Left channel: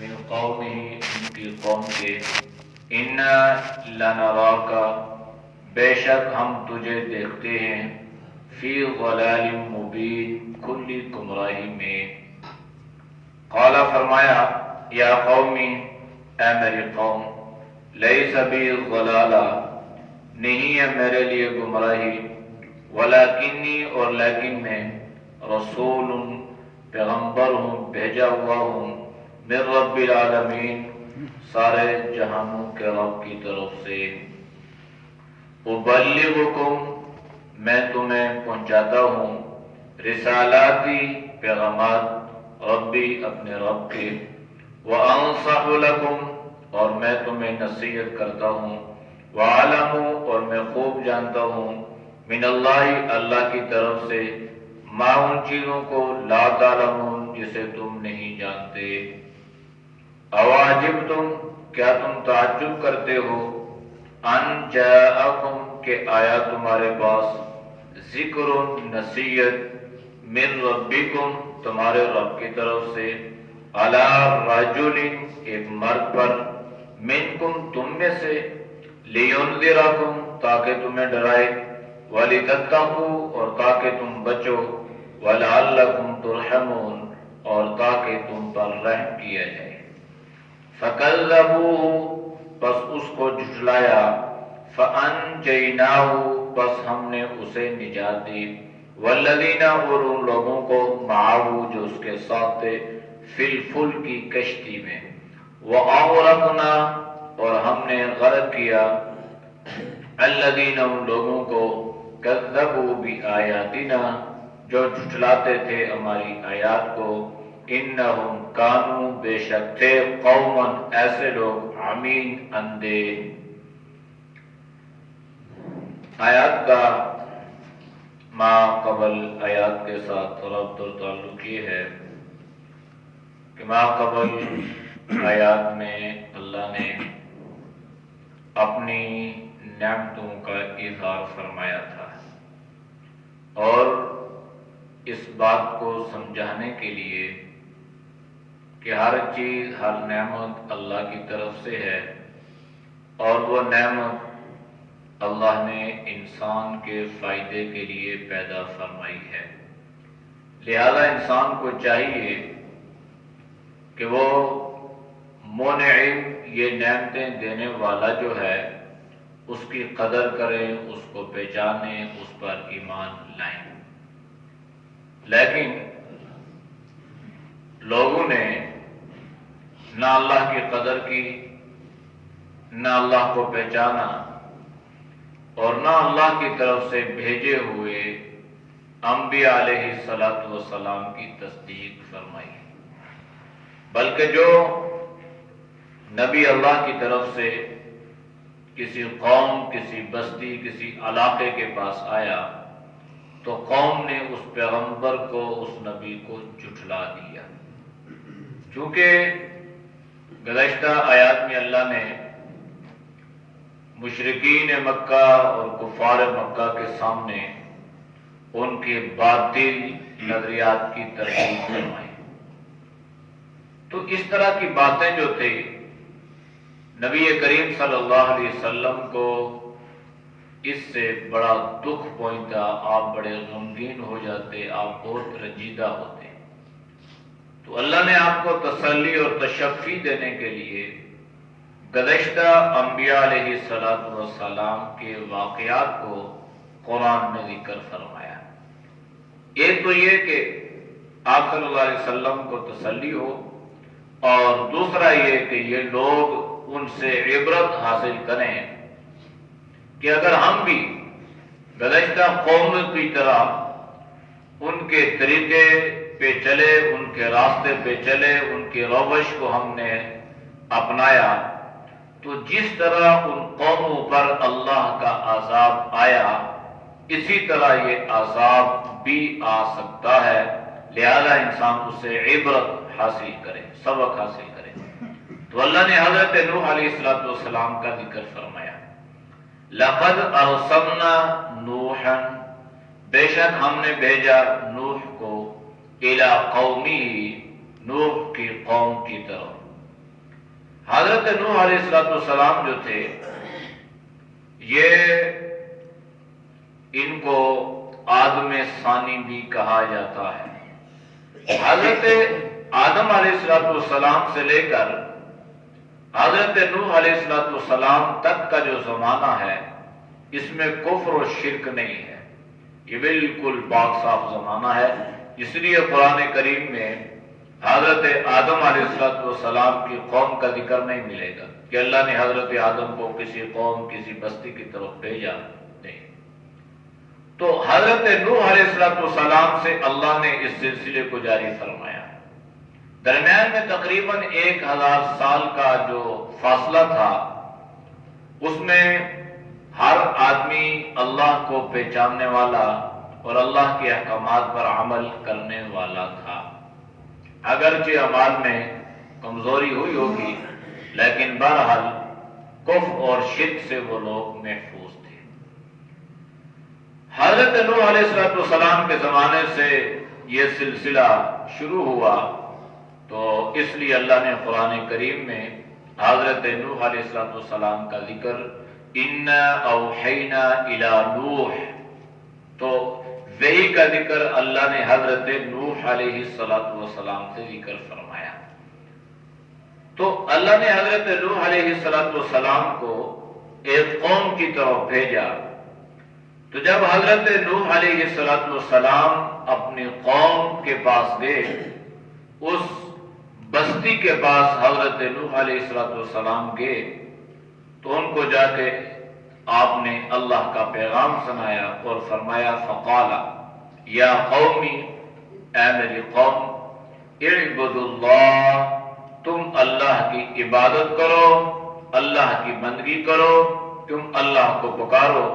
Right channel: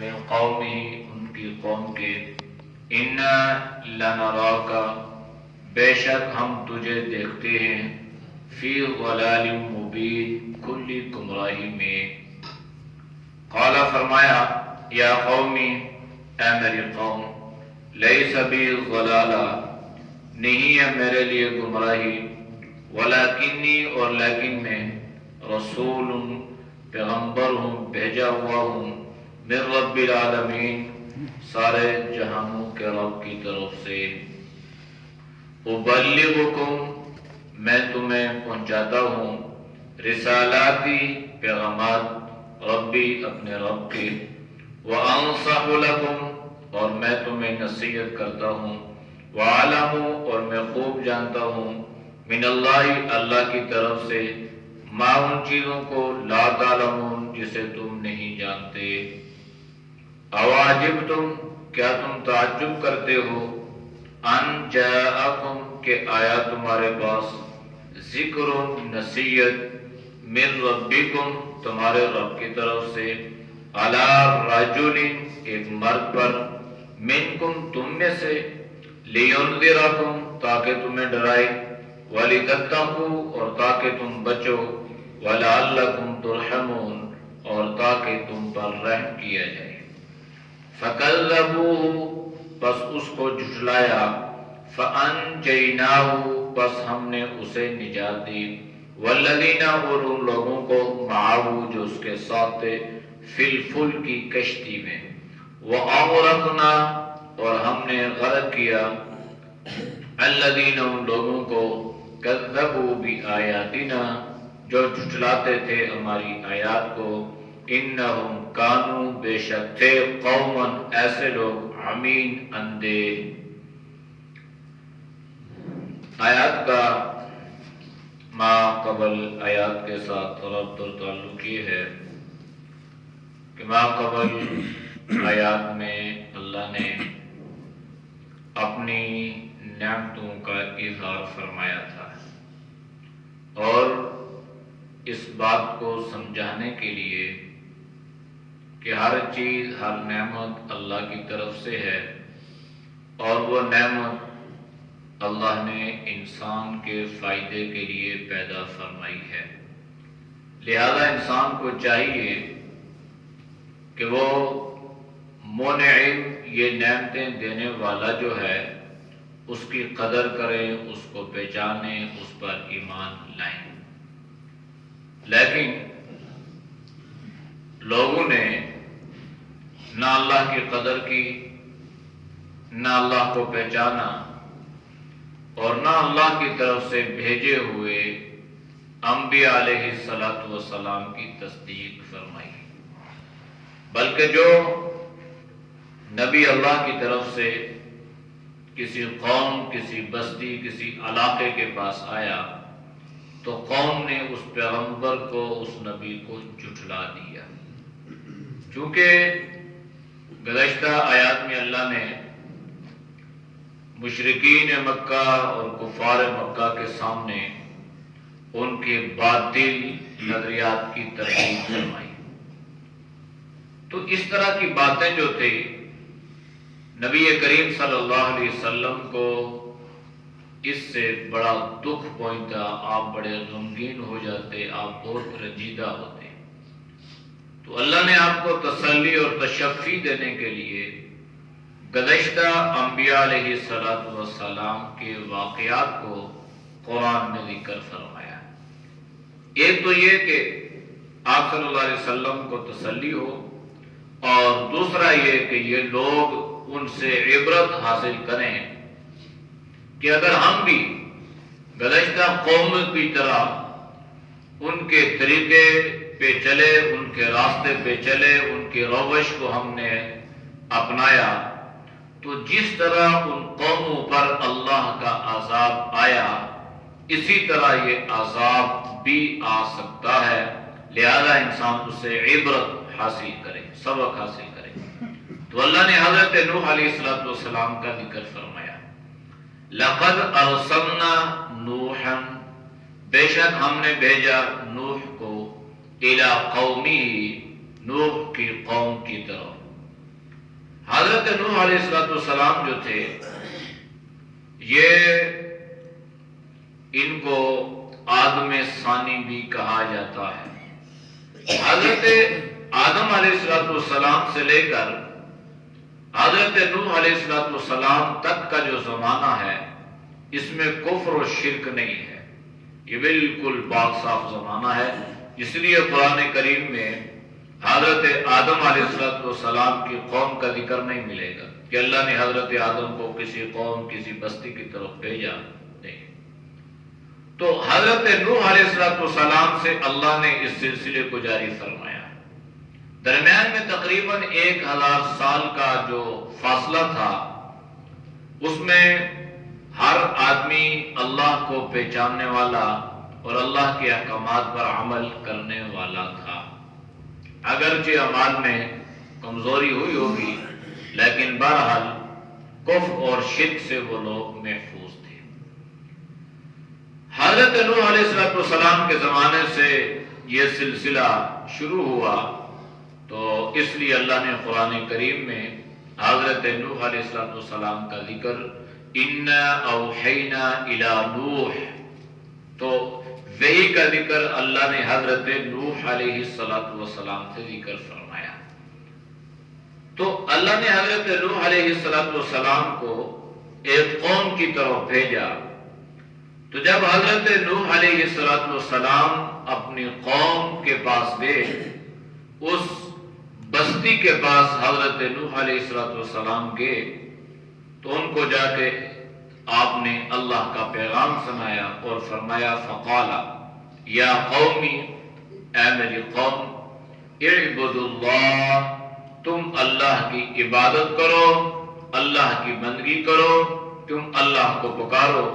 من قومه ان کی قوم کے انا لنراک بے شک ہم تجھے دیکھتے ہیں فی ضلال مبین کھلی گمراہی میں. قال فرمایا یا قومی اے میری قوم لیس بی ضلالہ نہیں ہے میرے لیے گمراہی ولکنی اور لیکن میں رسول پیغمبر ہوں بھیجا ہوا ہوں من رب العالمین سارے جہانوں کے رب کی طرف سے. ابلغکم میں تمہیں پہنچاتا ہوں رسالاتی پیغامات ربی اپنے رب کے وانصح لکم اور میں تمہیں نصیحت کرتا ہوں وعلم اور میں خوب جانتا ہوں من اللہ اللہ کی طرف سے ما ان چیزوں کو لا تعلمون جسے تم نہیں جانتے. اواجبتم کیا تم تعجب کرتے ہو ان جاءکم کہ آیا تمہارے پاس ذکر نصیحت من ربکم تمہارے رب کی طرف سے علی رجل ایک مرد پر منکم تم میں سے لینذرکم تاکہ تمہیں ڈرائے ولتتقوا اور تاکہ تم بچو ولعلکم ترحمون اور تاکہ تم پر رحم کیا جائے. فکذبوہ بس اس کو جھٹلایا فانجیناہ بس ہم نے اسے نجات دی والذین اور ان لوگوں کو معاہ جو اس کے ساتھ تھے فی الفلک کی کشتی میں واغرقنا اور ہم نے غرق کیا الذین ان لوگوں کو کذبوا بآیاتنا جو جھٹلاتے تھے ہماری آیات کو انہم کانوا بے شک تھے قوما ایسے لوگ عمین اندھے. آیات کا ما قبل آیات کے ساتھ ربط اور تعلق یہ ہے کہ ما قبل آیات میں اللہ نے اپنی نعمتوں کا اظہار فرمایا تھا اور اس بات کو سمجھانے کے لیے کہ ہر چیز ہر نعمت اللہ کی طرف سے ہے اور وہ نعمت اللہ نے انسان کے فائدے کے لیے پیدا فرمائی ہے. لہذا انسان کو چاہیے کہ وہ منعم یہ نعمتیں دینے والا جو ہے اس کی قدر کریں اس کو پہچانیں اس پر ایمان لائیں. لیکن لوگوں نے نہ اللہ کی قدر کی نہ اللہ کو پہچانا اور نہ اللہ کی طرف سے بھیجے ہوئے انبیاء علیہ السلام کی تصدیق فرمائی. بلکہ جو نبی اللہ کی طرف سے کسی قوم کسی بستی کسی علاقے کے پاس آیا تو قوم نے اس پیغمبر کو اس نبی کو جھٹلا دیا. چونکہ گزشتہ آیات میں اللہ نے مشرکین مکہ اور کفار مکہ کے سامنے ان کے باطل نظریات کی تردید فرمائی. تو اس طرح کی باتیں جو تھے نبی کریم صلی اللہ علیہ وسلم کو اس سے بڑا دکھ پہنچتا، آپ بڑے غمگین ہو جاتے، آپ بہت رنجیدہ ہوتے. تو اللہ نے آپ کو تسلی اور تشفی دینے کے لیے گزشتہ انبیاء علیہ السلام کے واقعات کو قرآن میں ذکر فرمایا. ایک تو یہ کہ آپ صلی اللہ علیہ وسلم کو تسلی ہو اور دوسرا یہ کہ یہ لوگ ان سے عبرت حاصل کریں کہ اگر ہم بھی گزشتہ قوم کی طرح ان کے طریقے پہ چلے ان کے راستے پہ چلے ان کی روش کو ہم نے اپنایا تو جس طرح ان قوموں پر اللہ کا عذاب آیا اسی طرح یہ عذاب بھی آ سکتا ہے. لہذا انسان اس سے عبرت حاصل کرے سبق حاصل کرے. تو اللہ نے حضرت نوح علیہ السلام کا ذکر فرمایا. لقد ارسلنا نوحا بے شک ہم نے بھیجا نوح کو الی قومی نوح کی قوم کی طرف حضرت نوح علیہ السلام جو تھے یہ ان کو آدم ثانی بھی کہا جاتا ہے۔ حضرت آدم علیہ السلام سے لے کر حضرت نوح علیہ السلام تک کا جو زمانہ ہے اس میں کفر و شرک نہیں ہے، یہ بالکل پاک صاف زمانہ ہے۔ اس لیے قرآن کریم میں حضرت آدم علیہ السلام کی قوم کا ذکر نہیں ملے گا کہ اللہ نے حضرت آدم کو کسی قوم کسی بستی کی طرف بھیجا، نہیں۔ تو حضرت نوح علیہ السلام سے اللہ نے اس سلسلے کو جاری فرمایا۔ درمیان میں تقریباً 1000 سال کا جو فاصلہ تھا اس میں ہر آدمی اللہ کو پہچاننے والا اور اللہ کے احکامات پر عمل کرنے والا تھا۔ اگرچہ اعمال میں کمزوری ہوئی ہوگی لیکن بہرحال کفر اور شرک سے وہ لوگ محفوظ تھے۔ حضرت نوح علیہ السلام کے زمانے سے یہ سلسلہ شروع ہوا، تو اس لیے اللہ نے قرآن کریم میں حضرت نوح علیہ السلام کا ذکر اِنَّا أَوْحَيْنَا إِلَى نُوحٍ، تو وحی کا ذکر اللہ نے حضرت نوح علیہ السلام سے ذکر فرمایا۔ تو اللہ نے حضرت نوح علیہ السلام کو ایک قوم کی طرف بھیجا، تو جب حضرت نوح علیہ السلام اپنی قوم کے پاس گئے، اس بستی کے پاس حضرت نوح علیہ السلام گئے تو ان کو جا کے آپ نے اللہ کا پیغام سنایا اور فرمایا فقالا یا قومی، اے میری قوم، اعبدوا اللہ، تم اللہ کی عبادت کرو، اللہ کی بندگی کرو، تم اللہ کو پکارو،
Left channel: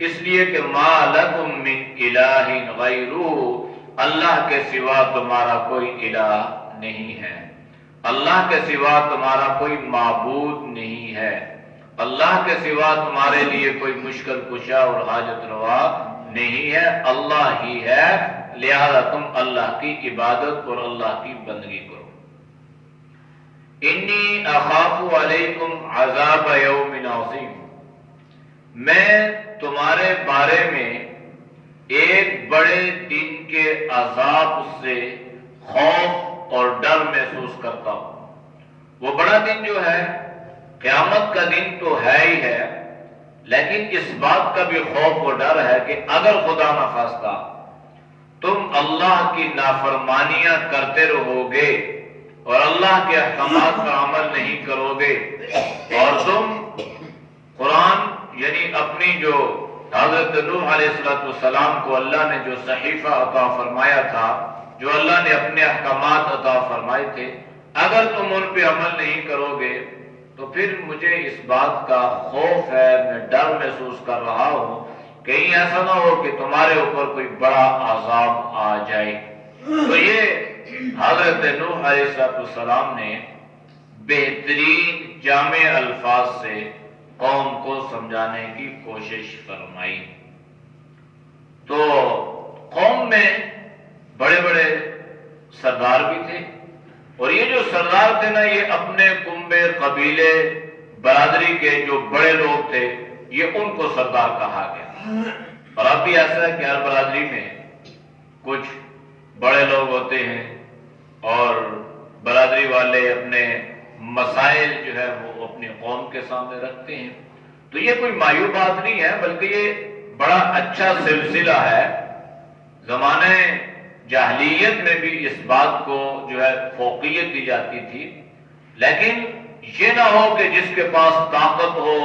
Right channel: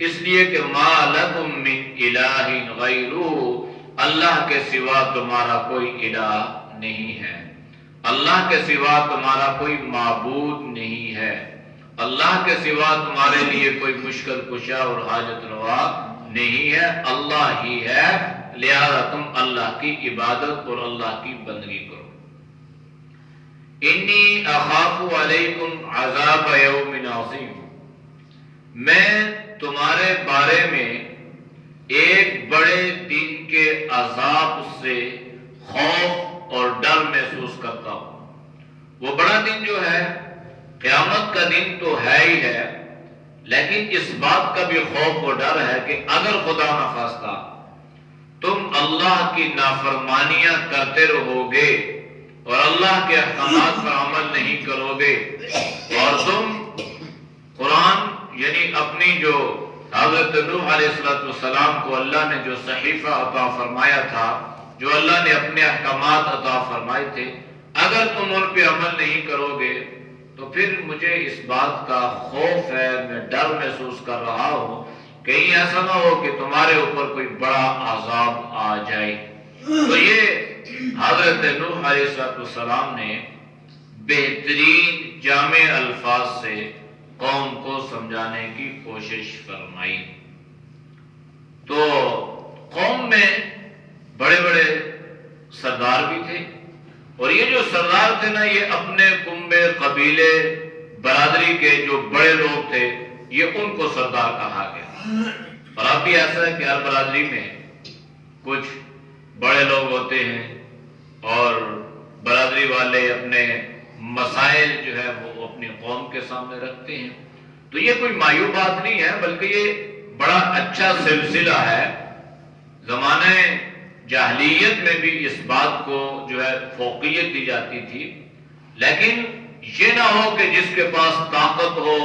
اس لیے کہ ما لکم من الہ غیرہ، اللہ کے سوا تمہارا کوئی الہ نہیں ہے، اللہ کے سوا تمہارا کوئی معبود نہیں ہے، اللہ کے سوا تمہارے لیے کوئی مشکل کشا اور حاجت روا نہیں ہے، اللہ ہی ہے، لہذا تم اللہ کی عبادت اور اللہ کی بندگی کرو۔ انی اخاف علیکم عذاب یوم عظیم، میں تمہارے بارے میں ایک بڑے دن کے عذاب سے خوف اور ڈر محسوس کرتا ہوں۔ وہ بڑا دن جو ہے قیامت کا دن تو ہے ہی ہے، لیکن اس بات کا بھی خوف و ڈر ہے کہ اگر خدا نخواستہ تم اللہ کی نافرمانیاں کرتے رہو گے اور اللہ کے احکامات پر عمل نہیں کرو گے اور تم قرآن یعنی اپنی جو حضرت نوح علیہ السلام کو اللہ نے جو صحیفہ عطا فرمایا تھا، جو اللہ نے اپنے احکامات عطا فرمائے تھے، اگر تم ان پہ عمل نہیں کرو گے تو پھر مجھے اس بات کا خوف ہے، میں ڈر محسوس کر رہا ہوں کہیں ایسا نہ ہو کہ تمہارے اوپر کوئی بڑا عذاب آ جائے۔ تو یہ حضرت نوح علیہ السلام نے بہترین جامع الفاظ سے قوم کو سمجھانے کی کوشش فرمائی۔ تو قوم میں بڑے بڑے سردار بھی تھے، اور یہ جو سردار تھے نا، یہ اپنے کنبے قبیلے برادری کے جو بڑے لوگ تھے یہ ان کو سردار کہا گیا۔ اور اب بھی ایسا ہے کہ ہر برادری میں کچھ بڑے لوگ ہوتے ہیں اور برادری والے اپنے مسائل جو ہے وہ اپنی قوم کے سامنے رکھتے ہیں۔ تو یہ کوئی معیوب بات نہیں ہے، بلکہ یہ بڑا اچھا سلسلہ ہے۔ زمانے جاہلیت میں بھی اس بات کو جو ہے فوقیت دی جاتی تھی، لیکن یہ نہ ہو کہ جس کے پاس طاقت ہو،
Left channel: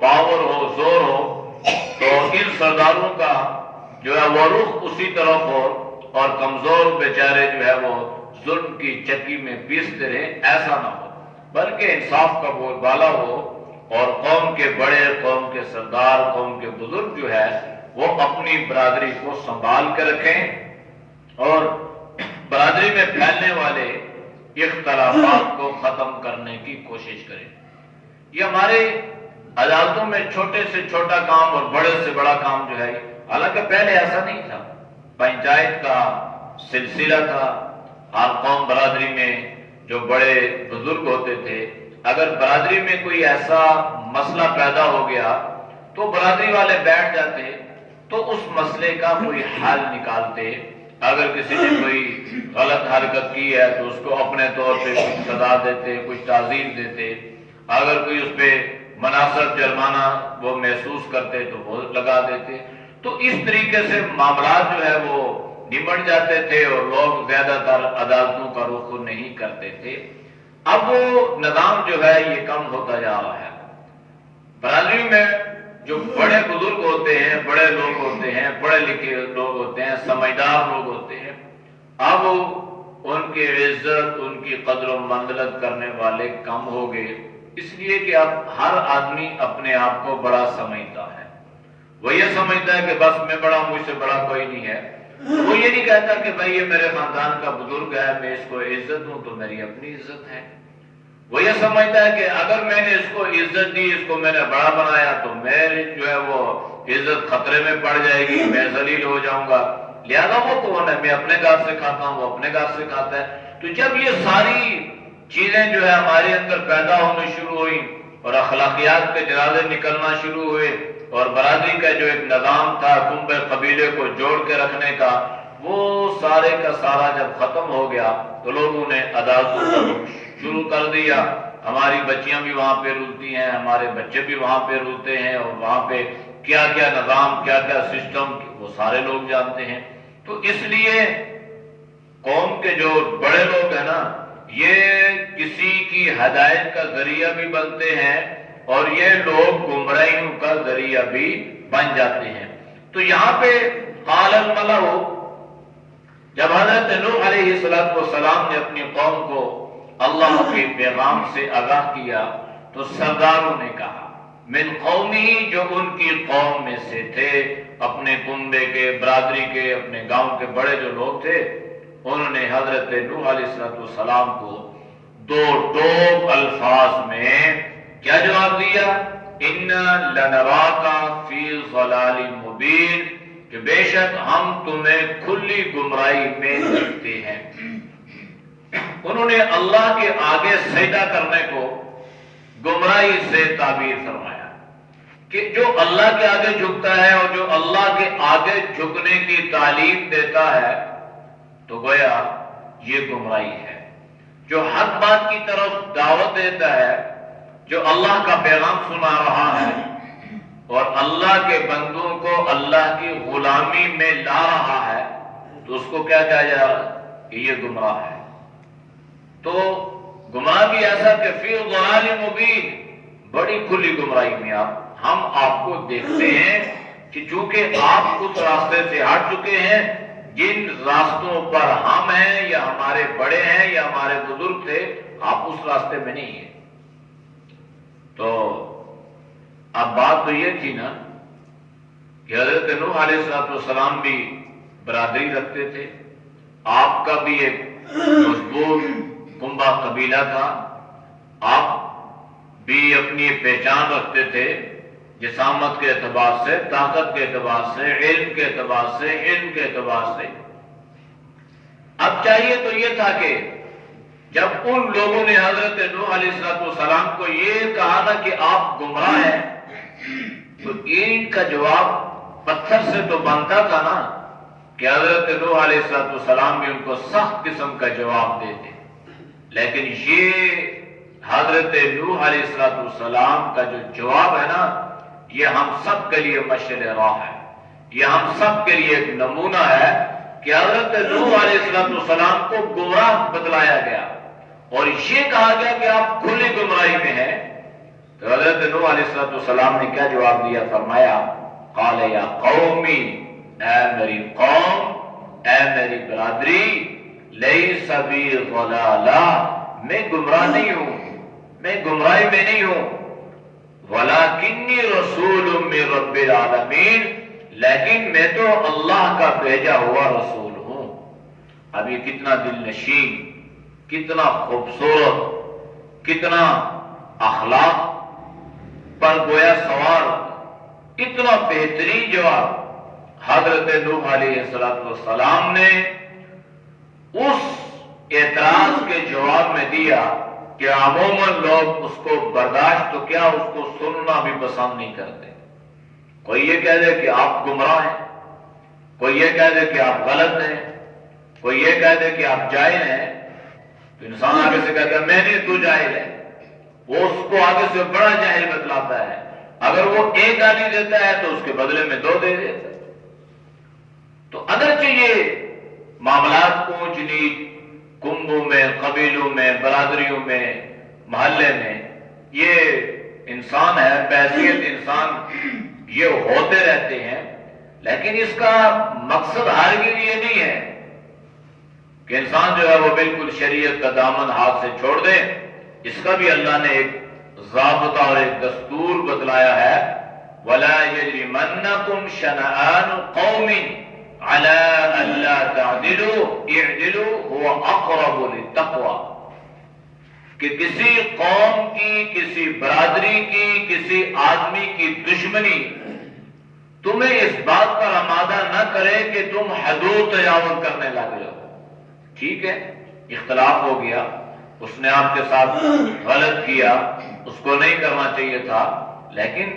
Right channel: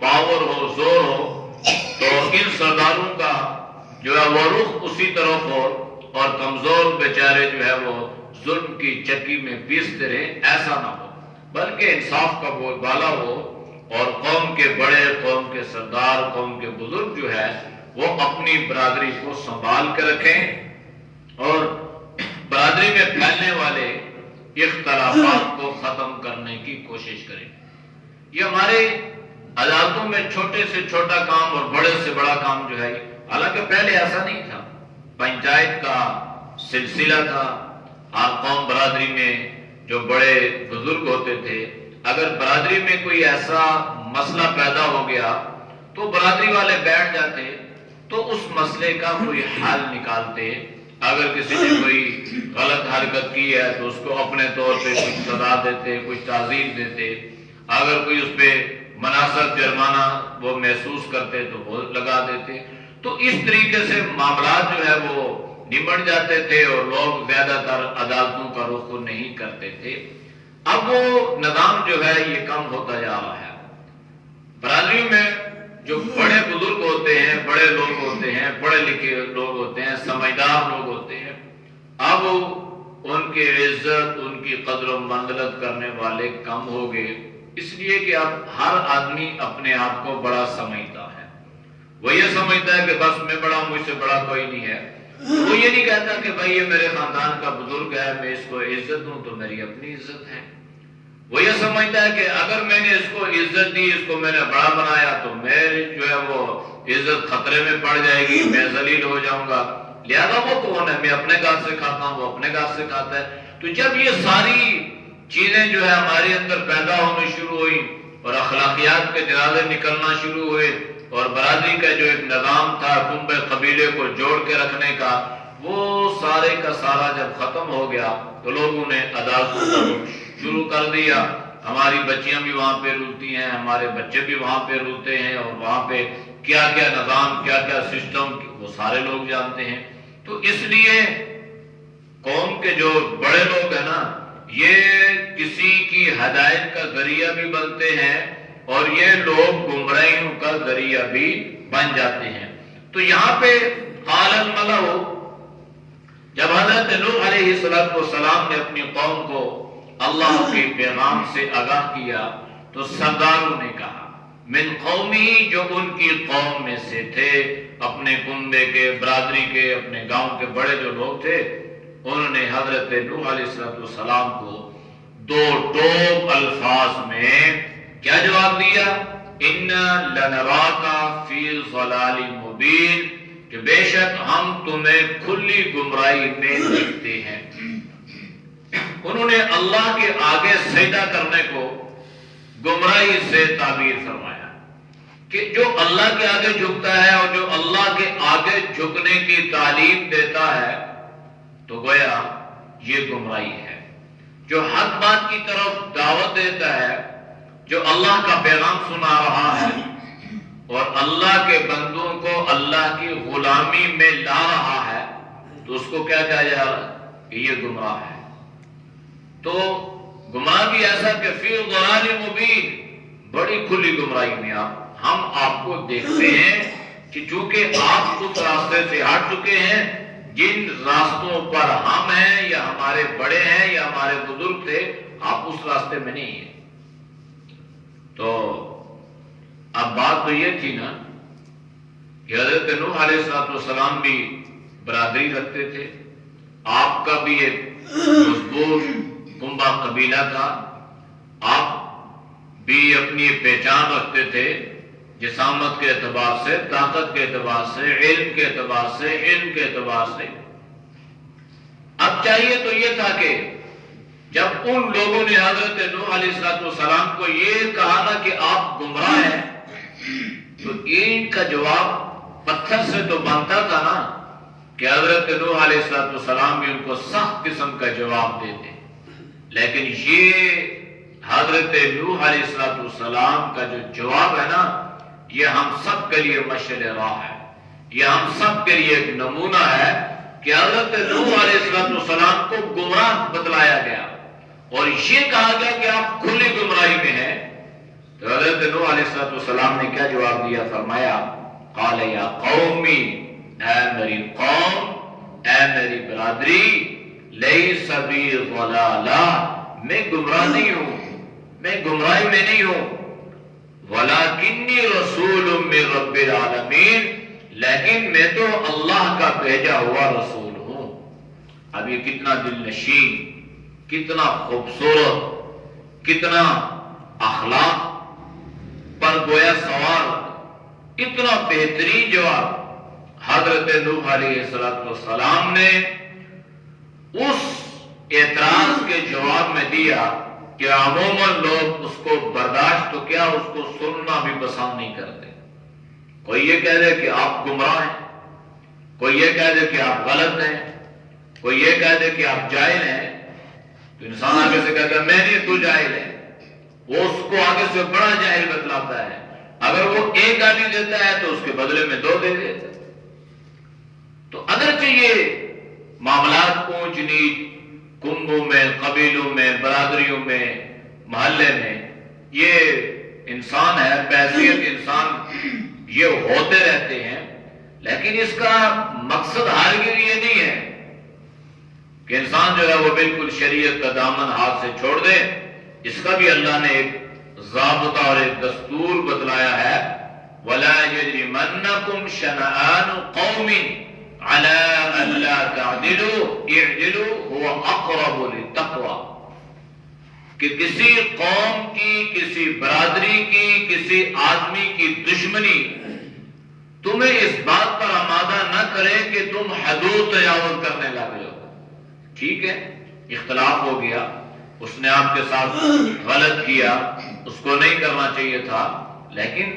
پاور ہو، زور ہو، تو ان سرداروں کا جو ہے وہ رخ اسی طرف ہو اور کمزور بیچارے جو ہے وہ ظلم کی چکی میں پیستے رہے، ایسا نہ ہو، بلکہ انصاف کا بول بالا ہو اور قوم کے بڑے، قوم کے سردار، قوم کے بزرگ جو ہے وہ اپنی برادری کو سنبھال کے رکھیں اور برادری میں پھیلنے والے اختلافات کو ختم کرنے کی کوشش کریں۔ یہ ہمارے عدالتوں میں چھوٹے سے چھوٹا کام اور بڑے سے بڑا کام جو ہے، حالانکہ پہلے ایسا نہیں تھا، پنچایت کا سلسلہ تھا، ہر قوم برادری میں جو بڑے بزرگ ہوتے تھے، اگر برادری میں کوئی ایسا مسئلہ پیدا ہو گیا تو برادری والے بیٹھ جاتے تو اس مسئلے کا کوئی حل نکالتے. اگر کسی نے کوئی غلط حرکت کی ہے تو اس کو اپنے طور پہ سزا دیتے, کچھ تعزیر دیتے. اگر کوئی اس پہ مناسب جرمانہ وہ محسوس کرتے تو وہ لگا دیتے. تو اس طریقے سے معاملات جو ہے وہ نمٹ جاتے تھے اور لوگ زیادہ تر عدالتوں کا رخ نہیں کرتے تھے. اب وہ نظام جو ہے یہ کم ہوتا جا رہا ہے. برادریوں میں جو بڑے بزرگ ہوتے ہیں, بڑے لوگ ہوتے ہیں, پڑھے لکھے لوگ ہوتے ہیں, سمجھدار لوگ ہوتے ہیں, اب ان کی عزت, ان کی قدر و منزلت کرنے والے کم ہو گئے. اس لیے کہ اب ہر آدمی اپنے آپ کو بڑا سمجھتا ہے. وہ یہ سمجھتا ہے کہ بس میں بڑا, مجھ سے بڑا کوئی نہیں ہے. وہ یہ نہیں کہتا کہ بھائی یہ میرے خاندان کا بزرگ ہے, میں اس کو عزت دوں تو میری اپنی عزت ہے. وہ یہ سمجھتا ہے کہ اگر میں نے اس کو عزت دی, اس کو میں نے بڑا بنایا تو میری جو ہے وہ عزت خطرے میں پڑ جائے گی, میں ذلیل ہو جاؤں گا. لہذا وہ کون ہے, میں اپنے گھر سے کھاتا ہوں, وہ اپنے گھر سے کھاتا ہے. تو جب یہ ساری چیزیں جو ہے ہمارے اندر پیدا ہونے شروع ہوئی اور اخلاقیات کے جنازے نکلنا شروع ہوئے اور برادری کا جو ایک نظام تھا کنبے قبیلے کو جوڑ کے رکھنے کا, وہ سارے کا سارا جب ختم ہو گیا تو لوگوں نے عدالتوں کو شروع کر دیا. ہماری بچیاں بھی وہاں پہ رلتی ہیں, ہمارے بچے بھی وہاں پہ رلتے ہیں, اور وہاں پہ کیا کیا نظام, کیا کیا سسٹم وہ سارے لوگ جانتے ہیں. تو اس لیے قوم کے جو بڑے لوگ ہیں نا, یہ کسی کی ہدایت کا ذریعہ بھی بنتے ہیں اور یہ لوگ گمراہیوں کا ذریعہ بھی بن جاتے ہیں. تو یہاں پہ قال الملأ, جب حضرت نوح علیہ السلام نے اپنی قوم کو اللہ کے پیغام سے آگاہ کیا تو سرداروں نے کہا, من قومی, جو ان کی قوم میں سے تھے, اپنے کنبے کے, برادری کے, اپنے گاؤں کے بڑے جو لوگ تھے, انہوں نے حضرت نوح علیہ السلام کو دو ٹوک الفاظ میں کیا جواب دیا, ان لنراک فی ضلال مبین, کہ بے شک ہم تمہیں کھلی گمراہی میں دیکھتے ہیں. انہوں نے اللہ کے آگے سجدہ کرنے کو گمراہی سے تعبیر فرمایا کہ جو اللہ کے آگے جھکتا ہے اور جو اللہ کے آگے جھکنے کی تعلیم دیتا ہے تو گویا یہ گمراہی ہے. جو حق بات کی طرف دعوت دیتا ہے, جو اللہ کا پیغام سنا رہا ہے اور اللہ کے بندوں کو اللہ کی غلامی میں لا رہا ہے, تو اس کو کیا کہا جا رہا ہے کہ یہ گمراہ ہے. تو گمراہ بھی ایسا کہ فی ضلال مبین, بڑی کھلی گمراہی میں ہم آپ کو دیکھتے ہیں کہ چونکہ آپ اس راستے سے ہٹ چکے ہیں جن راستوں پر ہم ہیں یا ہمارے بڑے ہیں یا ہمارے بزرگ تھے, آپ اس راستے میں نہیں ہیں. تو اب بات تو یہ تھی نا کہ حضرت نوح علیہ السلام بھی برادری رکھتے تھے, آپ کا بھی ایک مضبوط کنبہ قبیلہ تھا, آپ بھی اپنی پہچان رکھتے تھے جسامت کے اعتبار سے, طاقت کے اعتبار سے, علم کے اعتبار سے, علم کے اعتبار سے. اب چاہیے تو یہ تھا کہ جب ان لوگوں نے حضرت نوح علیہ السلام کو یہ کہا نا کہ آپ گمراہ ہیں, تو ان کا جواب پتھر سے تو بنتا تھا نا کہ حضرت نوح علیہ السلام بھی ان کو سخت قسم کا جواب دیتے. لیکن یہ حضرت نوح علیہ السلام کا جو جواب ہے نا, یہ ہم سب کے لیے مشعل راہ ہے, یہ ہم سب کے لیے ایک نمونہ ہے کہ حضرت نوح علیہ السلام کو گمراہ بتلایا گیا اور یہ کہا گیا کہ آپ کھلی گمراہی میں ہیں. تو حضرت نوح علیہ السلام نے کیا جواب دیا, فرمایا قال یا قومی, اے میری قوم, اے میری برادری, لیس بی ضلالہ, میں گمراہ نہیں ہوں, میں گمراہی میں نہیں ہوں, ولکنی رسول من رب العالمین, لیکن میں تو اللہ کا بھیجا ہوا رسول ہوں. اب یہ کتنا دل نشین, کتنا خوبصورت, کتنا اخلاق پر گویا سوار, اتنا بہترین جواب حضرت نوح علیہ السلام نے اس اعتراض کے جواب میں دیا کہ عموماً لوگ اس کو برداشت تو کیا اس کو سننا بھی پسند نہیں کرتے. کوئی یہ کہہ دے کہ آپ گمراہ ہیں، کوئی یہ کہہ دے کہ آپ غلط ہیں، کوئی یہ کہہ دے کہ آپ جاہل ہیں، تو انسان آگے سے کہتا ہے میں نہیں، تو جاہل ہے. وہ اس کو آگے سے بڑا جاہل بتلاتا ہے. اگر وہ ایک گالی دیتا ہے تو اس کے بدلے میں 2 دے دیتا ہے. تو اگرچہ یہ معاملات اونچ نیچ کنبوں میں، قبیلوں میں، برادریوں میں، محلے میں یہ انسان ہے، بحیثیت انسان یہ ہوتے رہتے ہیں، لیکن اس کا مقصد ہرگز یہ نہیں ہے کہ انسان جو ہے وہ بالکل شریعت کا دامن ہاتھ سے چھوڑ دے. اس کا بھی اللہ نے ایک ضابطہ اور ایک دستور بتلایا ہے. وَلَا يَجْرِمَنَّكُمْ شَنَآنُ قَوْمٍ عَلَىٰ أَلَّا تَعْدِلُوا اعْدِلُوا هُوَ أَقْرَبُ لِلتَّقْوَىٰ، کہ کسی قوم کی، کسی برادری کی، کسی آدمی کی دشمنی تمہیں اس بات پر آمادہ نہ کرے کہ تم حدود تجاوز کرنے لگ جاؤ. ٹھیک ہے، اختلاف ہو گیا، اس نے آپ کے ساتھ غلط کیا، اس کو نہیں کرنا چاہیے تھا، لیکن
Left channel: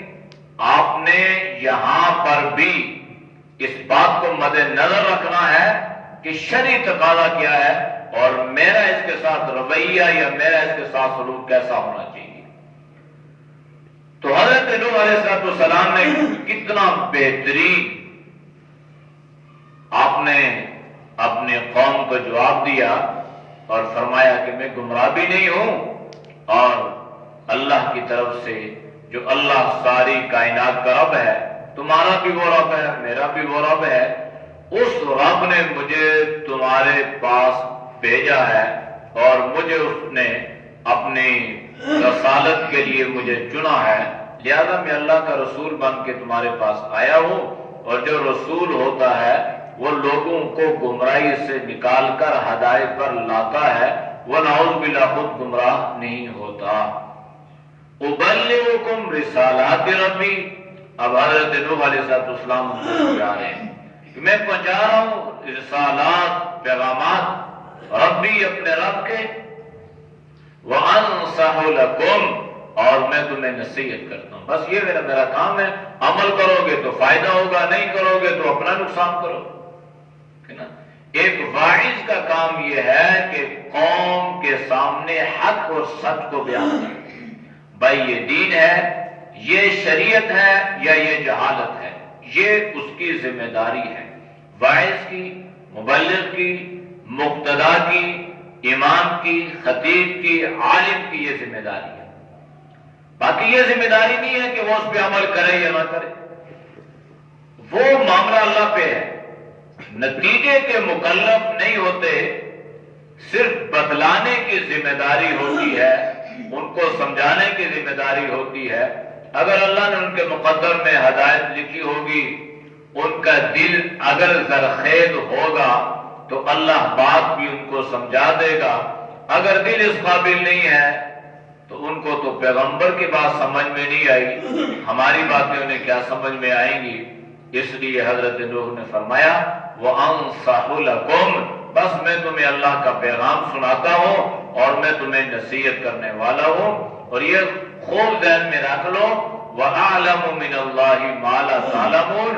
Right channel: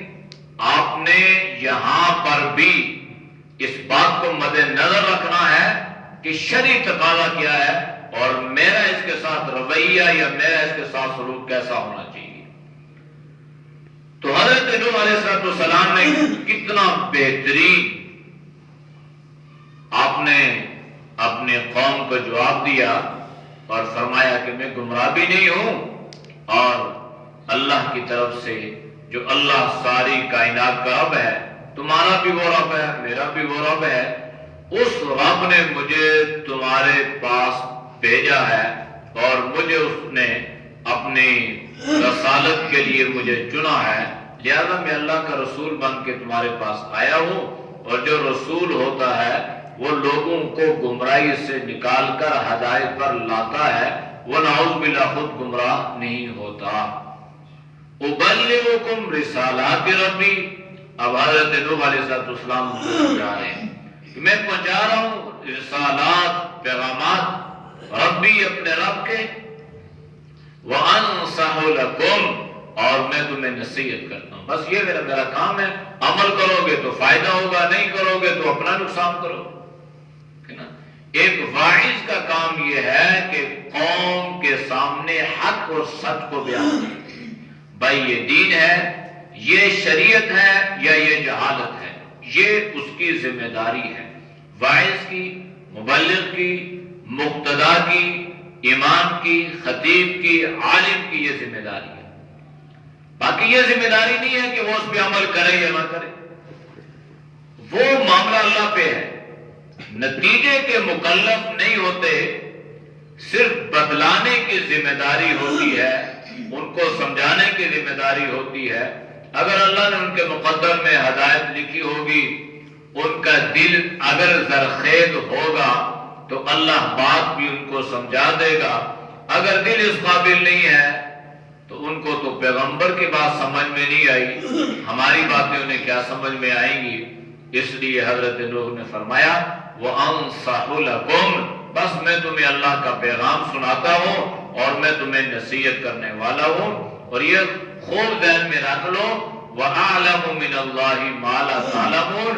آپ نے یہاں پر بھی اس بات کو مد نظر رکھنا ہے کہ شرعی تقاضا کیا ہے اور میرا اس کے ساتھ رویہ یا میرا اس کے ساتھ سلوک کیسا ہونا چاہیے. تو حضرت نوح علیہ السلام نے کتنا بہترین آپ نے اپنے قوم کو جواب دیا اور فرمایا کہ میں گمراہ بھی نہیں ہوں، اور اللہ کی طرف سے جو اللہ ساری کائنات کا رب ہے، تمہارا بھی وہ رب ہے، میرا بھی وہ رب ہے، اس رب نے مجھے تمہارے پاس بھیجا ہے اور مجھے اس نے اپنی رسالت کے لیے مجھے چنا ہے، لہذا میں اللہ کا رسول بن کے تمہارے پاس آیا ہوں. اور جو رسول ہوتا ہے وہ لوگوں کو گمراہی سے نکال کر ہدایت پر لاتا ہے، وہ نعوذ باللہ خود گمراہ نہیں ہوتا. ابلغکم رسالات ربی، اب حضرت نوح علیہ السلام کو کیا ہے کہ میں پہنچا رہا ہوں رسالات، پیغامات ربی، اپنے رب کے، وانصح لکم، اور میں تمہیں نصیحت کرتا ہوں. بس یہ میرا کام ہے. عمل کرو گے تو فائدہ ہوگا، نہیں کرو گے تو اپنا نقصان کرو. ایک واعظ کا کام یہ ہے کہ قوم کے سامنے حق اور سچ کو بیان کرے. بھائی یہ دین ہے، یہ شریعت ہے یا یہ جہالت ہے، یہ اس کی ذمہ داری ہے. واعظ کی، مبلغ کی، مقتدا کی، امام کی، خطیب کی، عالم کی یہ ذمہ داری ہے. باقی یہ ذمہ داری نہیں ہے کہ وہ اس پہ عمل کرے یا نہ کرے، وہ معاملہ اللہ پہ ہے. نتیجے کے مکلف نہیں ہوتے، صرف بتلانے کی ذمہ داری ہوتی ہے، ان کو سمجھانے کی ذمہ داری ہوتی ہے. اگر اللہ نے ان کے مقدر میں ہدایت لکھی ہوگی، ان کا دل اگر زرخیز ہوگا تو اللہ بات بھی ان کو سمجھا دے گا. اگر دل اس قابل نہیں ہے تو ان کو تو پیغمبر کی بات سمجھ میں نہیں آئی، ہماری باتیں انہیں کیا سمجھ میں آئیں گی. اس لیے حضرت نوح نے فرمایا وَأَنصَحُ لَكُمْ، بس میں تمہیں اللہ کا پیغام سناتا ہوں اور میں تمہیں نصیحت کرنے والا ہوں. اور یہ خوب ذہن میں رکھ لو، وَأَعْلَمُ مِنَ اللَّهِ مَا لَا تَعْلَمُونَ،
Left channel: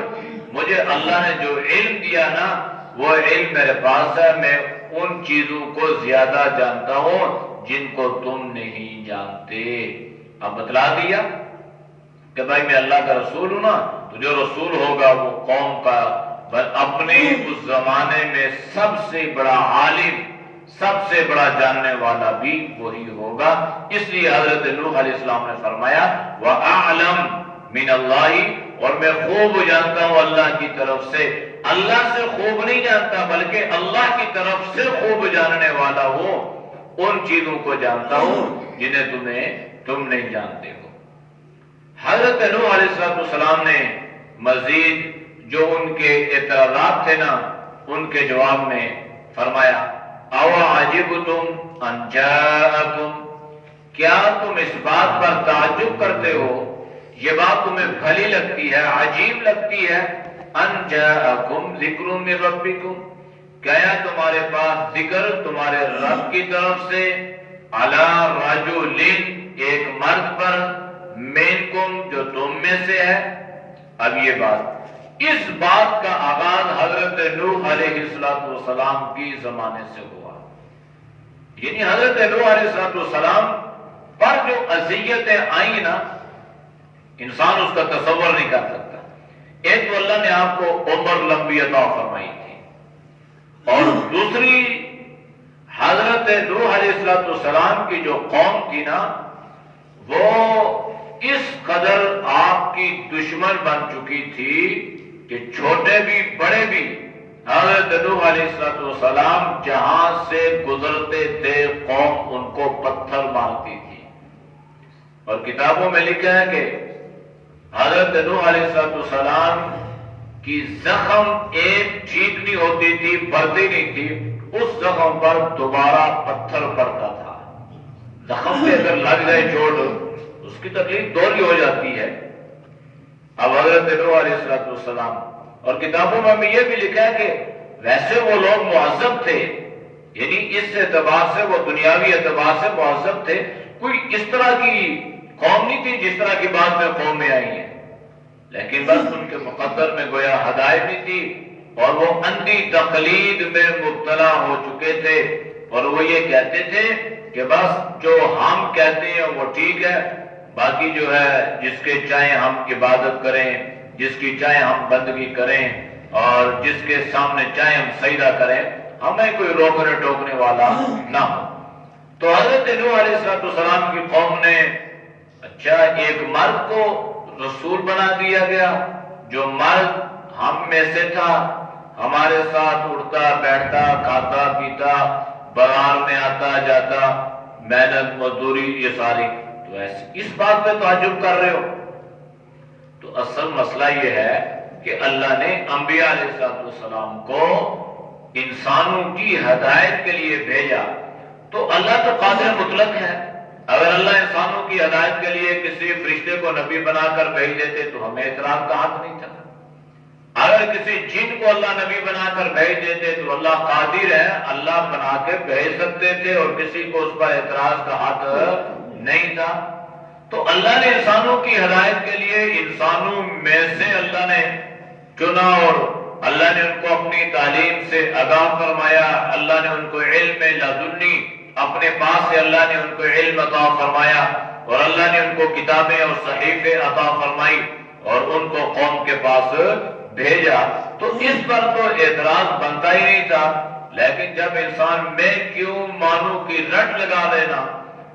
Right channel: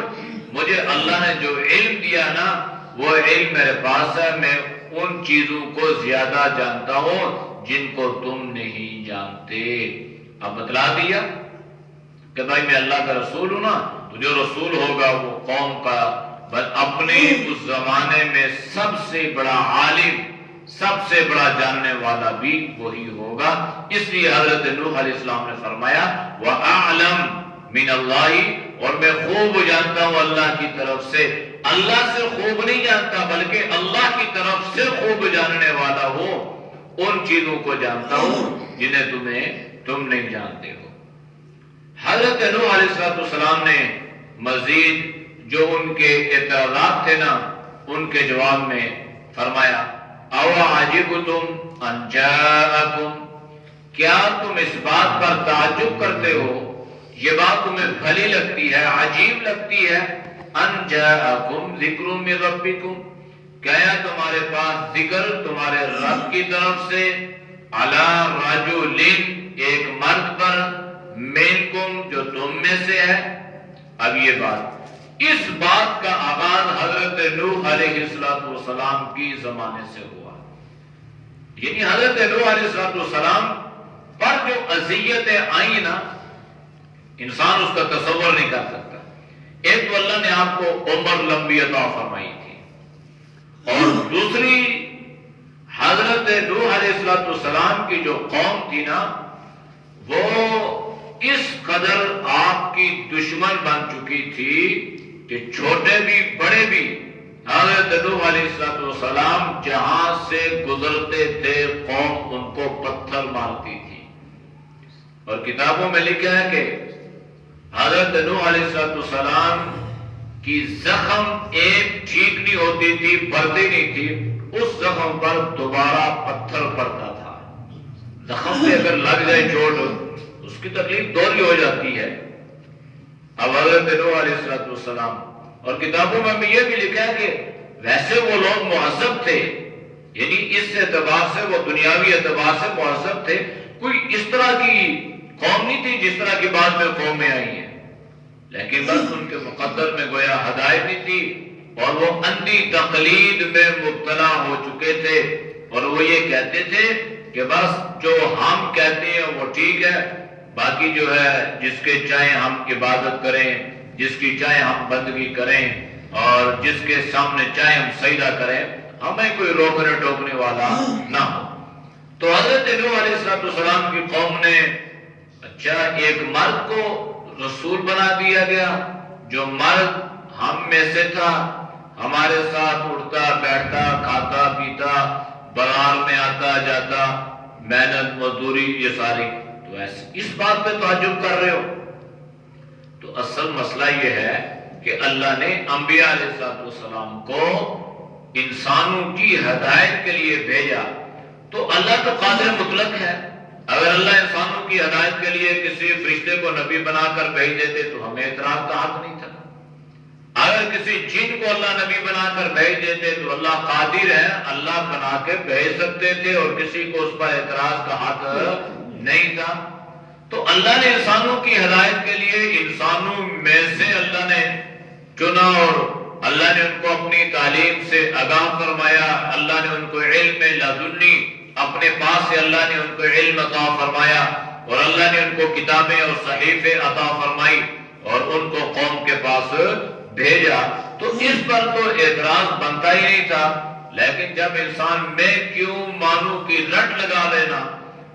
مجھے اللہ نے جو علم دیا نا وہ علم میرے پاس ہے، میں ان چیزوں کو زیادہ جانتا ہوں جن کو تم نہیں جانتے. اب بتلا دیا کہ بھائی میں اللہ کا رسول ہوں نا، تو جو رسول ہوگا وہ قوم کا اپنے اس زمانے میں سب سے بڑا عالم، سب سے بڑا جاننے والا بھی وہی ہوگا. اس لیے حضرت نوح علیہ السلام نے فرمایا وَأَعْلَمْ مِنَ اللَّهِ، اور میں خوب جانتا ہوں اللہ کی طرف سے. اللہ سے خوب نہیں جانتا بلکہ اللہ کی طرف سے خوب جاننے والا ہوں، ان چیزوں کو جانتا ہوں جنہیں تم نہیں جانتے ہو. حضرت نوح علیہ السلام نے مزید جو ان کے اعتراضات تھے نا ان کے جواب میں فرمایا اَوَعَجِبْتُمْ أَنْ جَاءَكُمْ، کیا تم اس بات پر تعجب کرتے ہو، یہ بات تمہیں بھلی لگتی ہے، عجیب لگتی ہے، أَنْ جَاءَكُمْ ذِكْرٌ مِّن رَبِّكُمْ، کیا تمہارے پاس ذکر تمہارے رب کی طرف سے، علی رجل ایک مرد پر منکم جو تم میں سے ہے. اب یہ بات اس بات کا آغاز حضرت نوح علیہ السلام کی زمانے سے ہوا. یعنی حضرت نوح علیہ السلام پر جو اذیتیں آئیں نا انسان اس کا تصور نہیں کر سکتا. ایک تو اللہ نے آپ کو عمر لمبی عطا فرمائی تھی اور دوسری حضرت نوح علیہ السلام کی جو قوم تھی نا وہ اس قدر آپ کی دشمن بن چکی تھی کہ چھوٹے بھی بڑے بھی حضرت نوح علیہ السلام جہاں سے گزرتے تھے قوم ان کو پتھر مارتی تھی. اور کتابوں میں لکھا ہے کہ حضرت نوح علیہ السلام کی زخم ایک ٹھیک نہیں ہوتی تھی, بڑھتی نہیں تھی, اس زخم پر دوبارہ پتھر پڑتا تھا. زخم پہ اگر لگ جائے چوٹ اس کی تکلیف دوہری ہو جاتی ہے. اب حضرت نوح علیہ السلام اور کتابوں میں یہ بھی لکھا ہے کہ ویسے وہ لوگ معذب تھے, یعنی اس اعتبار سے وہ دنیاوی اعتبار سے معذب تھے. کوئی اس طرح کی قوم نہیں تھی جس طرح کی بعد میں قومیں آئی ہیں, لیکن بس ان کے مقدر میں گویا ہدایت نہیں تھی اور وہ اندھی تقلید میں مبتلا ہو چکے تھے. اور وہ یہ کہتے تھے کہ بس جو ہم کہتے ہیں وہ ٹھیک ہے, باقی جو ہے جس کے چاہے ہم عبادت کریں, جس کی چاہے ہم بندگی کریں اور جس کے سامنے چاہے ہم سجدہ کریں, ہمیں کوئی روکنے ٹوکنے والا نہ ہو. تو حضرت نوح علیہ السلام کی قوم نے اچھا ایک مرد کو رسول بنا دیا گیا جو مرد ہم میں سے تھا, ہمارے ساتھ اٹھتا بیٹھتا کھاتا پیتا بازار میں آتا جاتا محنت مزدوری یہ ساری. تو اس بات پہ تعجب کر رہے ہو؟ تو اصل مسئلہ یہ ہے کہ اللہ نے انبیاء علیہ السلام کو انسانوں کی ہدایت کے لیے بھیجا. تو اللہ تو قادر مطلق ہے. اگر اللہ انسانوں کی ہدایت کے لیے کسی فرشتے کو نبی بنا کر بھیج دیتے تو ہمیں اعتراض کا حق نہیں تھا. اگر کسی جن کو اللہ نبی بنا کر بھیج دیتے تو اللہ قادر ہے, اللہ بنا کے بھیج سکتے تھے اور کسی کو اس پر اعتراض کا حق نہیں تھا. تو اللہ نے انسانوں کی ہدایت کے لیے انسانوں میں سے اللہ نے چنا اور اللہ نے ان کو اپنی تعلیم سے آگاہ فرمایا. اللہ نے ان کو علم لدنی اپنے پاس سے اللہ نے ان کو علم عطا فرمایا اور اللہ نے ان کو کتابیں اور صحیفے عطا فرمائی اور ان کو قوم کے پاس بھیجا. تو اس پر تو اعتراض بنتا ہی نہیں تھا. لیکن جب انسان میں کیوں مانوں کی رٹ لگا دینا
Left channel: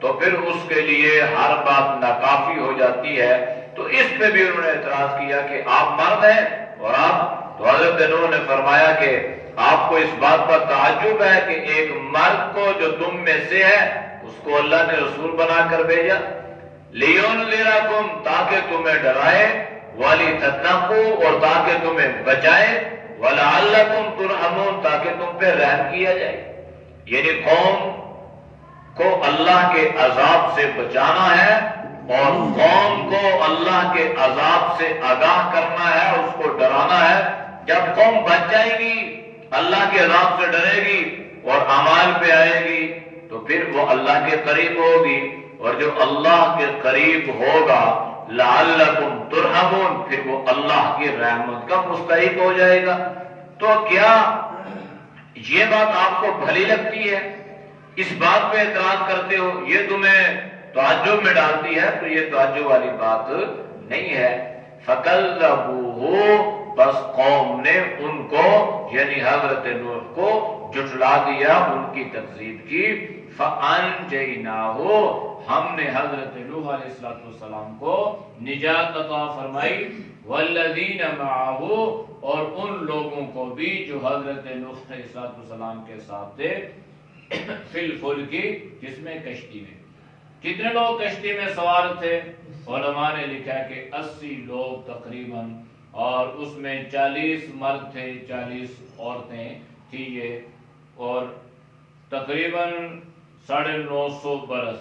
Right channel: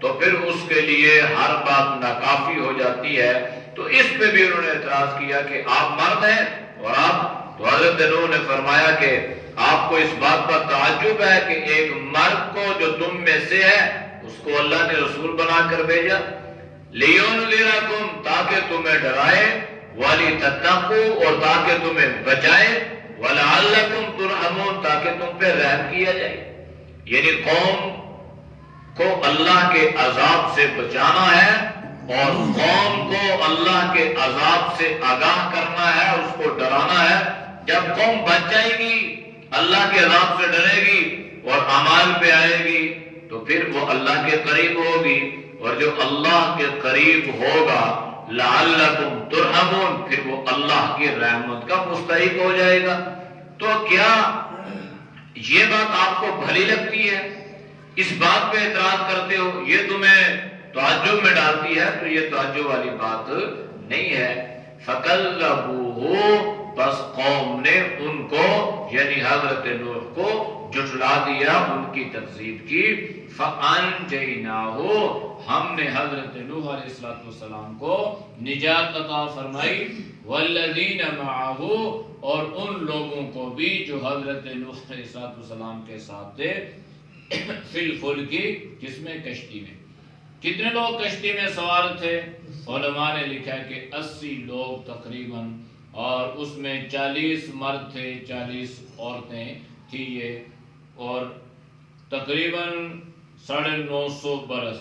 تو پھر اس کے لیے ہر بات ناکافی ہو جاتی ہے. تو اس پہ بھی انہوں نے اعتراض کیا کہ آپ مرد ہیں اور آپ. تو حضرت نوح نے فرمایا کہ آپ کو اس بات پر تعجب ہے کہ ایک مرد کو جو تم میں سے ہے اس کو اللہ نے رسول بنا کر بھیجا. لِيُنذِرَكُمْ تاکہ تمہیں ڈرائے, وَلِتَتَّقُوا اور تاکہ تمہیں بچائے, وَلَعَلَّكُمْ تُرْحَمُونَ تاکہ تم پہ رحم کیا جائے. یعنی قوم کو اللہ کے عذاب سے بچانا ہے اور قوم کو اللہ کے عذاب سے آگاہ کرنا ہے, اس کو ڈرانا ہے. جب قوم بچ جائے گی, اللہ کے عذاب سے ڈرے گی اور اعمال پہ آئے گی تو پھر وہ اللہ کے قریب ہوگی, اور جو اللہ کے قریب ہوگا لعلکم ترحمون پھر وہ اللہ کی رحمت کا مستحق ہو جائے گا. تو کیا یہ بات آپ کو بھلی لگتی ہے؟ اس بات پہ اعتراض کرتے ہو, یہ تمہیں تعجب میں ڈالتی ہے؟ تو یہ تعجب والی بات نہیں ہے. فَكَذَّبُوهُ بس قوم نے ان کو یعنی حضرت نوح کو جھٹلا دیا, ان کی تکذیب کی. فَأَنْجَيْنَاهُ ہم نے حضرت نوح علیہ السلام کو نجات عطا فرمائی. وَالَّذِينَ مَعَهُ اور ان لوگوں کو بھی جو حضرت نوح علیہ السلام کے ساتھ تھے, فِي الْفُلْكِ جس میں کشتی میں. کتنے لوگ کشتی میں سوار تھے؟ علماء نے لکھا کہ 80 لوگ تقریباً, اور اس میں 40 مرد تھے 40 عورتیں تھی یہ, اور تقریباً 950 برس.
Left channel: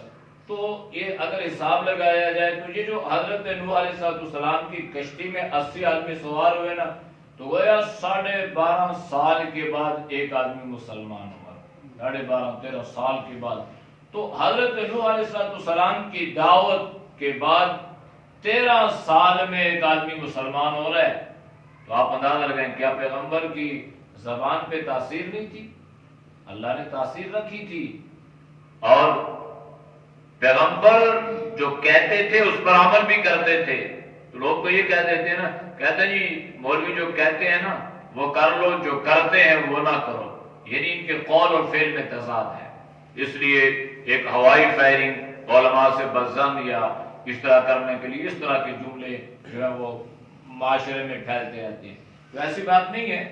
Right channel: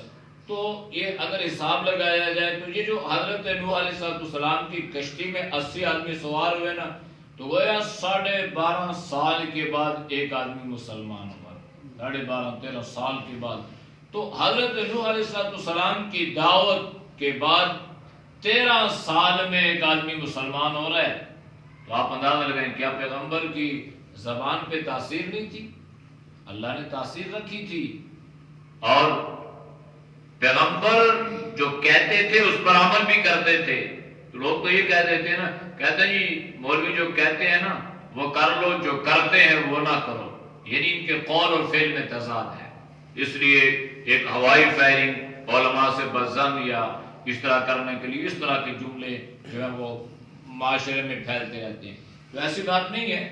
تو یہ اگر حساب لگایا جائے تو یہ جو حضرت نوح علیہ السلام کی کشتی میں 80 آدمی سوار ہوئے نا, تو گویا 12.5 سال کے بعد ایک آدمی مسلمان ہوا. 12.5-13 سال کے بعد تو حضرت نوح علیہ السلام کی دعوت کے بعد 13 سال میں ایک آدمی مسلمان ہو رہا ہے. تو آپ اندازہ لگائیں کیا پیغمبر کی زبان پہ تاثیر نہیں تھی؟ اللہ نے تاثیر رکھی تھی. اور پیغمبر جو کہتے تھے اس پر عمل بھی کرتے تھے. لوگ تو یہ کہہ دیتے ہیں نا، کہتے ہیں جی مولوی جو کہتے ہیں نا وہ کر لو، جو کرتے ہیں وہ نہ کرو، یعنی ان کے قول اور فعل میں تضاد ہے. اس لیے ایک ہوائی فائرنگ علماء سے بزن یا اس طرح کرنے کے لیے اس طرح کے جملے جو ہے وہ معاشرے میں پھیلتے رہتے ہیں. تو ایسی بات نہیں ہے.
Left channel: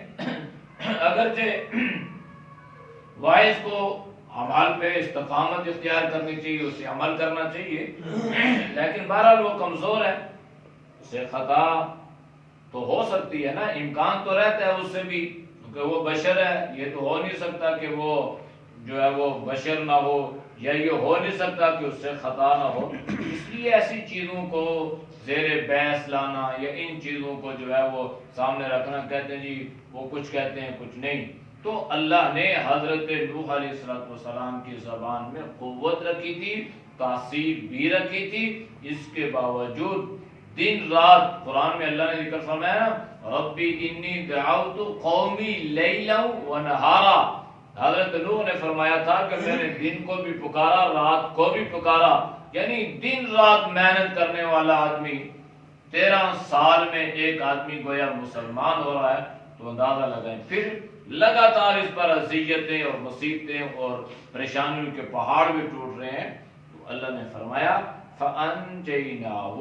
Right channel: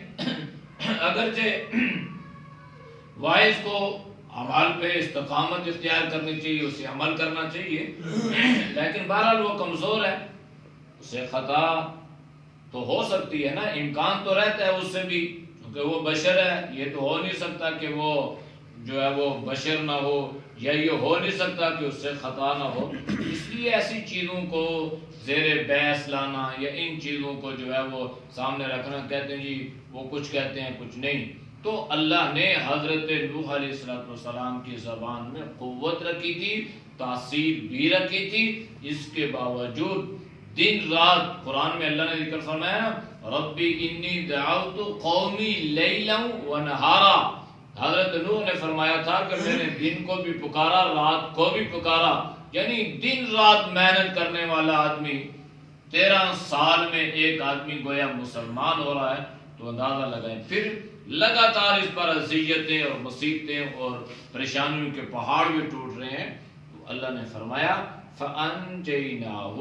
اگرچہ وائز کو عمل پہ استقامت اختیار کرنی چاہیے، اسے عمل کرنا چاہیے، لیکن بہرحال وہ کمزور ہے، اسے خطا تو ہو سکتی ہے نا، امکان تو رہتا ہے اس سے بھی، کیونکہ وہ بشر ہے. یہ تو ہو نہیں سکتا کہ وہ جو ہے وہ بشر نہ ہو، یا یہ ہو نہیں سکتا کہ اس سے خطا نہ ہو. اس لیے ایسی چیزوں کو زیر بحث لانا یا ان چیزوں کو جو ہے وہ سامنے رکھنا، کہتے ہیں جی وہ کچھ کہتے ہیں کچھ نہیں. تو اللہ نے حضرت نوح علیہ السلام کی زبان میں قوت رکھی تھی، تاثیر بھی رکھی تھی. اس کے باوجود دن رات قرآن میں اللہ نے ذکر فرمایا ربی انی دعوت قومی لیلا و نہارا. حضرت نوح نے فرمایا تھا کہ میں نے دن کو بھی پکارا، رات کو بھی پکارا. یعنی دن رات محنت کرنے والا آدمی 13 سال میں ایک آدمی گویا مسلمان ہو رہا ہے. تو اندازہ لگائیں پھر لگاتار اس پر اذیتیں اور مصیبتیں اور پریشانیوں کے پہاڑ بھی ٹوٹ رہے ہیں. تو اللہ نے فرمایا فَأَنْجَيْنَاهُ،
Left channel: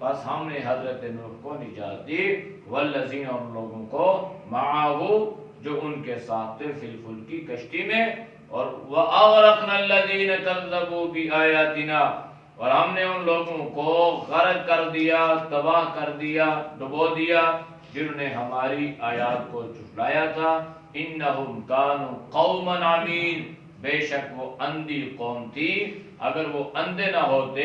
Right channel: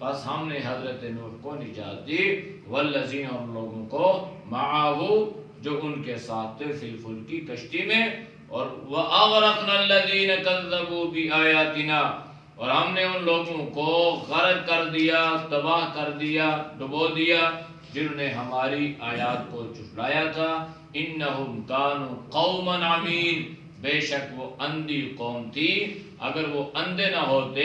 بس ہم نے حضرت نوح کو نجات دی، وَالَّذِينَ، اور لوگوں کو، مَعَهُ، جو ان کے ساتھ تھے، فی الفلک کی کشتی میں. اور وَأَغْرَقْنَا الَّذِينَ كَذَّبُوا بِآيَاتِنَا، اور ہم نے ان لوگوں کو غرق کر دیا، تباہ کر دیا، ڈبو دیا جنہوں نے ہماری آیات کو جھٹلایا تھا. انہم کانوا قوما عمین، بے شک وہ اندھی قوم تھی. اگر وہ اندھے نہ ہوتے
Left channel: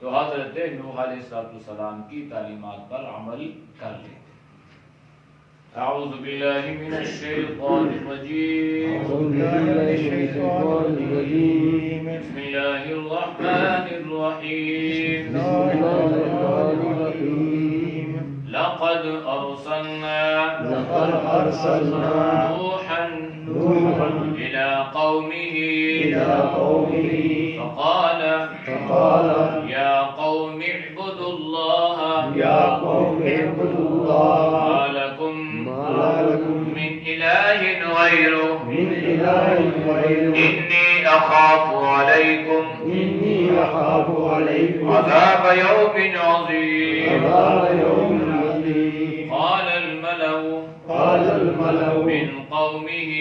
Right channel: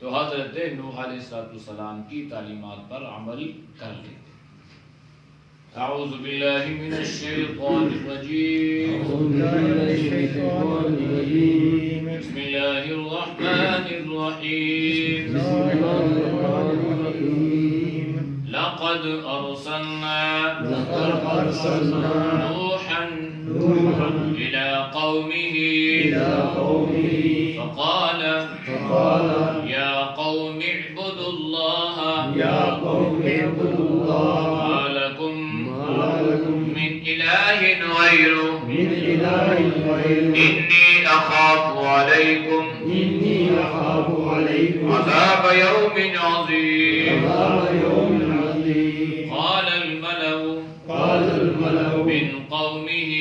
تو حضرت نوح علیہ السلام کی تعلیمات پر عمل کر لیتے. اعوذ باللہ من الشیطان الرجیم، بسم اللہ الرحمن الرحیم. لقد ارسلنا نوحا الى قومه فقال يا قوم اعبدوا الله ما لكم من إله غيره إني أخاف عليكم عذاب يوم عظيم. قال الملأ من قومه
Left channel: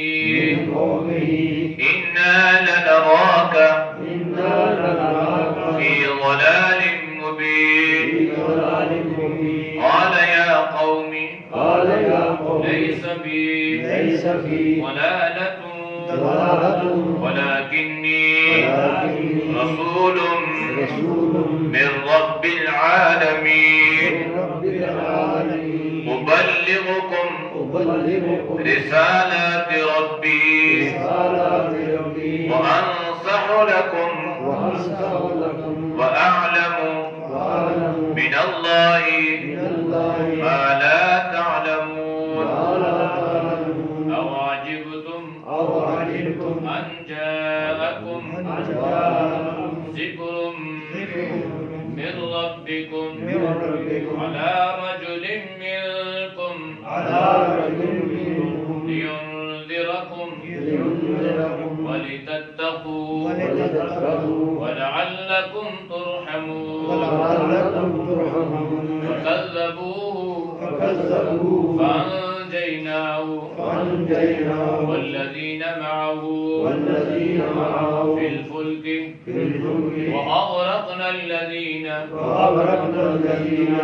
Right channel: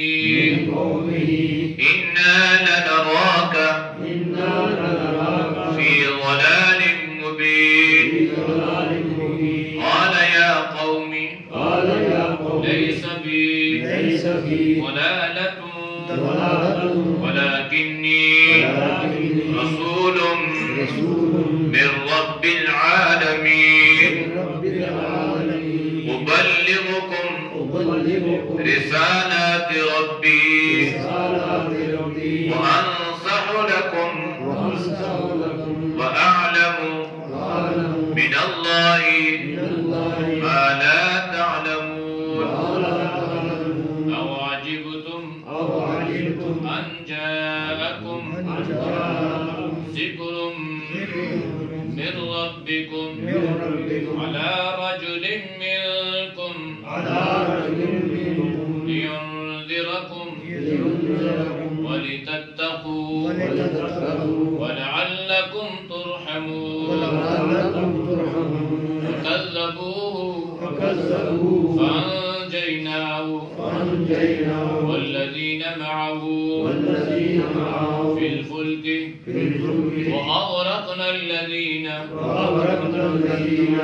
إنا لنراك في ضلال مبين. قال يا قوم ليس بي ضلالة ولكني رسول من رب العالمين أبلغكم رسالات ربي وأنصح لكم وأعلم من الله ما لا تعلمون. أوعجبتم أن جاءكم ذكر من ربكم على رجل منكم لينذركم ولتتقوا ولعلكم ترحمون. فكذبوه فأنجيناه والذين معه في الفلك وأغرقنا الذين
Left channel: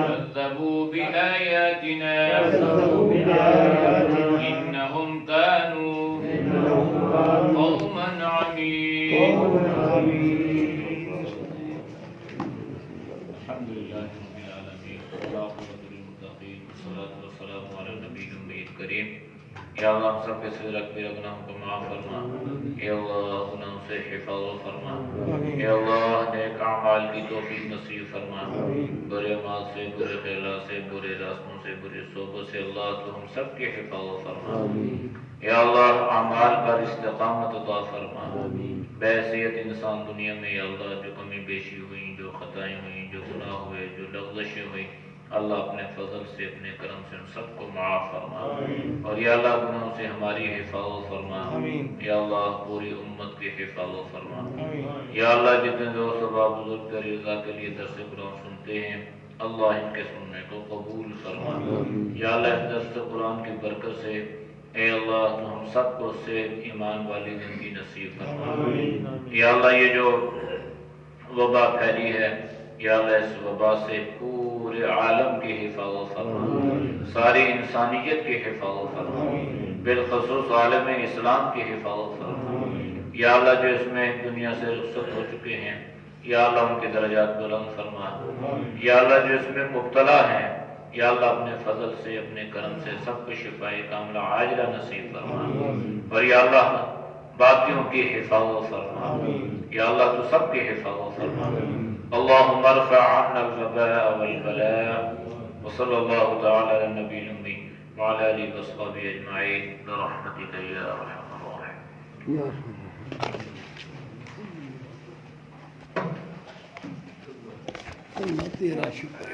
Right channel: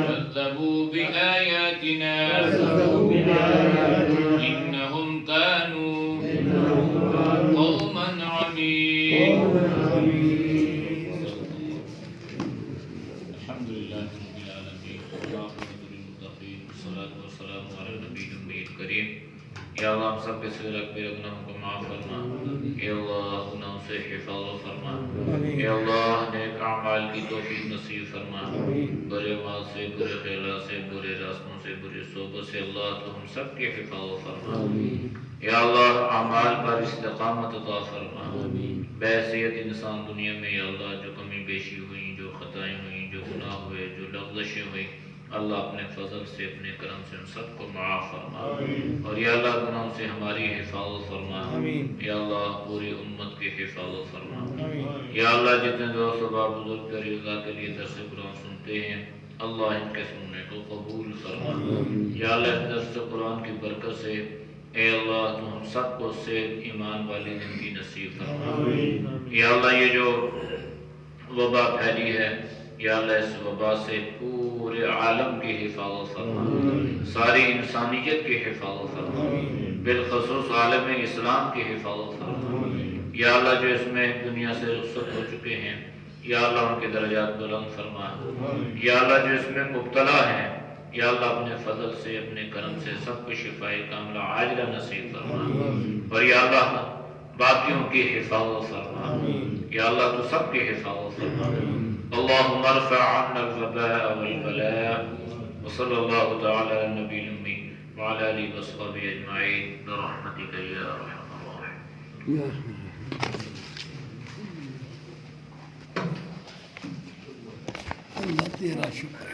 كذبوا بآياتنا إنهم كانوا قوما عمين. الحمد لله رب العالمين والعاقبة للمتقين والصلاة والسلام على النبي الكريم یا اللہ ہم سب کے صغیر اکبر گناہوں کو معاف فرما، یا اللہ گناہوں سے حفاظت فرما، یا اللہ نیک اعمال کی توفیق نصیب فرما، برے اعمال سے، برے خیالات سے، برے راستوں سے، بری صحبت سے اللہ تو ہم سب کی حفاظت فرما، یا اللہ اعمال پر استقامت عطا فرما، بحیثیت انسان دنیا میں یا اللہ جو کمی بیشی ہوئی، جو خطائیں ہوئیں، جو گناہ ہوئے، جو لغزشیں ہوئی، اللہ اپنے فضل سے، اپنے کرم سے ہم سب کو معاف فرما، اور یا اللہ گناہوں سے ہماری حفاظت فرما، یا اللہ پوری امت کی حفاظت فرما، یا اللہ جتنے دوست و بزرگ تیری رضا کے لیے درس قرآن سنتے ہیں اللہ ان کے سننے کو قبول فرما، یا اللہ اس درس قرآن کی برکت سے اے اللہ تو ہم سب کو صحت ایمان والی زندگی نصیب فرما، یا اللہ یہ جو وبا پھیلی ہے یا اللہ اس وبا سے پورے عالم کی حفاظت فرما، ساری انسانیت کی حفاظت فرما، بالخصوص عالم اسلام کی حفاظت فرما، یا اللہ جو اس میں دنیا سے رخصت ہو چکے ہیں یا اللہ ان کے درجات بلند فرما، یا اللہ جو اس میں مبتلا ہیں یا اللہ اپنے فضل سے، اپنے کرم سے سب کو شفائے کاملہ عاجلہ نصیب فرما، اور یا اللہ باقیوں کی حفاظت فرما، یا اللہ تو سب کی حفاظت فرما، اللهم ارفع عنا الوباء والبلاء، وصلى الله تعالى على النبي الأمي وعلى آله وصحبه أجمعين برحمتك يا أرحم الراحمين. تیرا شکر ہے.